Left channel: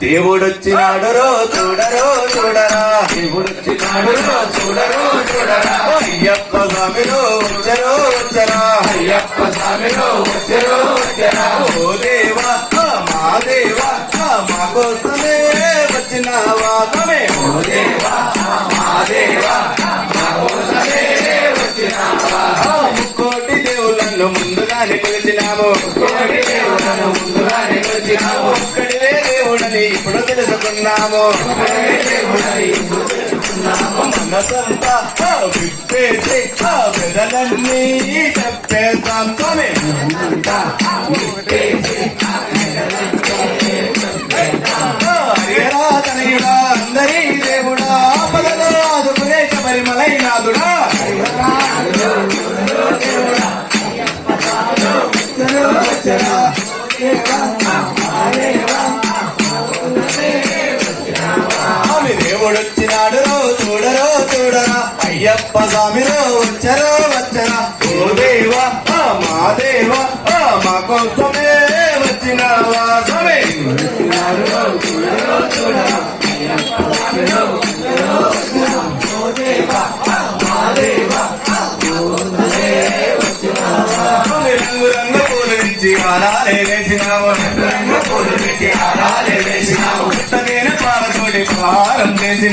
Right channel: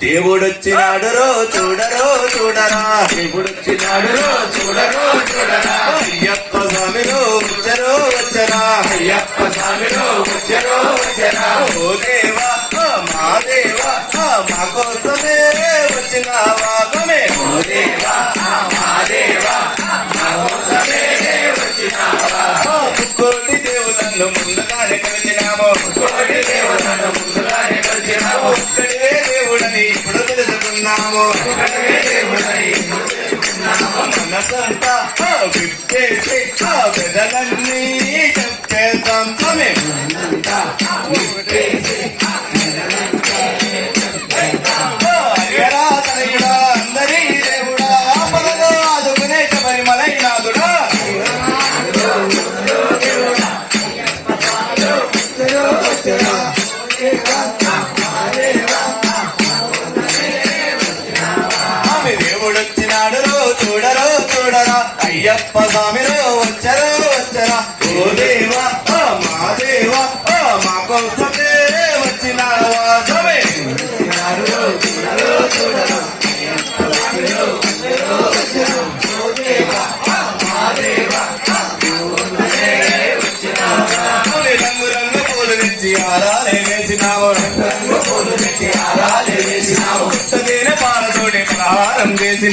దేవుడొచ్చినాడురో చూడరో చూడరా. దేవుడొచ్చినాడురో చూడరో చూడరా. అయ్యప్ప స్వామిలో వచ్చరో వచ్చరా. అయ్యప్ప స్వామిలో వచ్చరో వచ్చరా. ఓ దేవా మా దేవా మా కోసమే వచ్చినావా తమే ఓ దేవా మా దేవా మా కోసమే వచ్చినావా ముక్కోటి దేవులను ముందుగానే కొలిచినాము ముక్కోటి దేవుళ్ళను తెలుసుకున్నాము మనసంతా విప్పేసి పెదలన్నీ చెప్పేస్తాం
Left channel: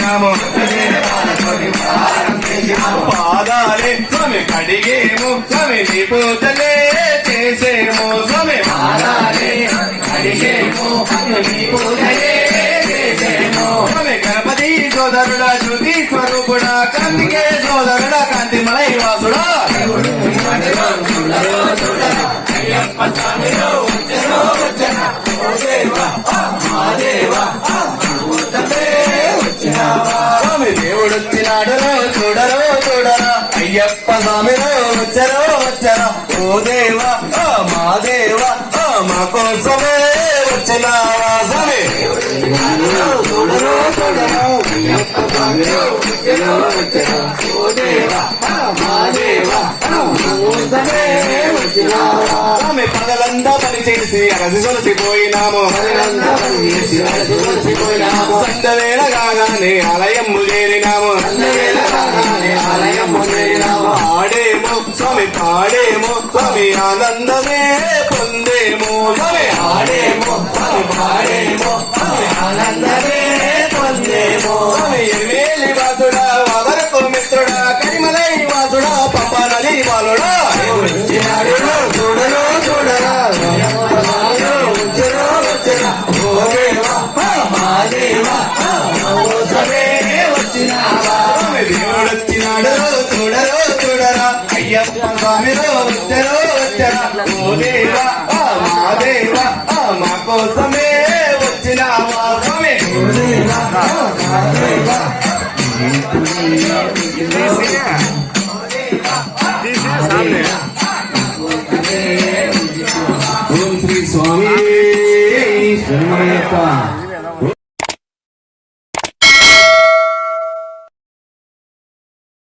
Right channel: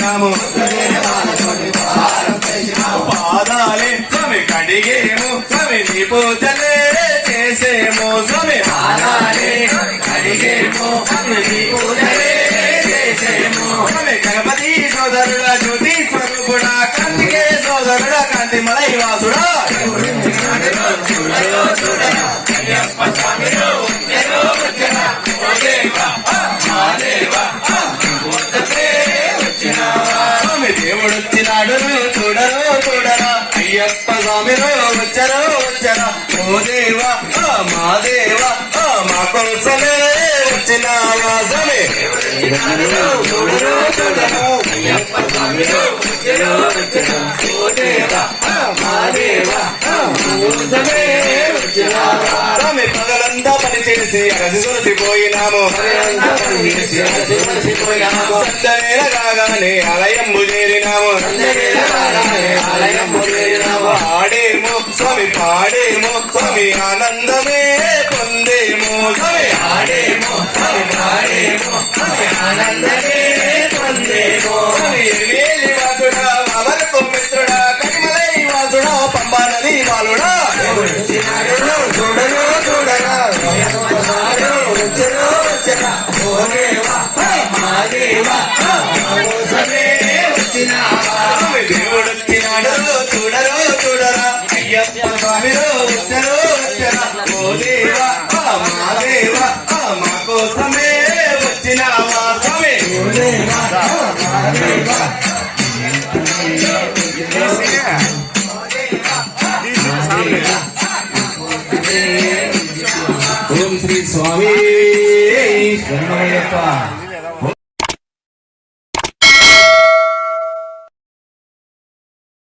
ప్రహారం పాదాలే స్వామి కడిగేము. స్వామి నీ స్వామి దేవుడొచ్చినాడు చూడరో చూడరా. అయ్యప్ప స్వామిలో వచ్చరో వచ్చరా. ఓ దేవా ఆ మా దేవా ఆ మా కోసమే వచ్చినావా స్వామి. చూడరో చూడరా అయ్యప్ప స్వామిలో వచ్చరో వచ్చరా ఓ దేవా మా దేవా ఆ మా కోసమే వచ్చినావా స్వామి పగలంతా పని చేసి అరసి సొలిసిపోయినాము పగలంతా రాగానే ఆలయం అరసి ఆడే సందవేళ పాడే ఆలయము చేరినాము ఆడేమో స్వామి పాడేమో స్వామి ఆనందమే పొందేమో స్వామి ఆడేమో స్వామి పాడేమో స్వామి ఆనందమే పొందేమో స్వామి ఎనిమిది వాసుడా వరకు మిత్రుడా కరిమలై వాసుడా పంపానది బాలుడా చూడరా చూడరా వచ్చరా వచ్చరా ఓ దేవా దేవా ఓం శ్రీ స్వామి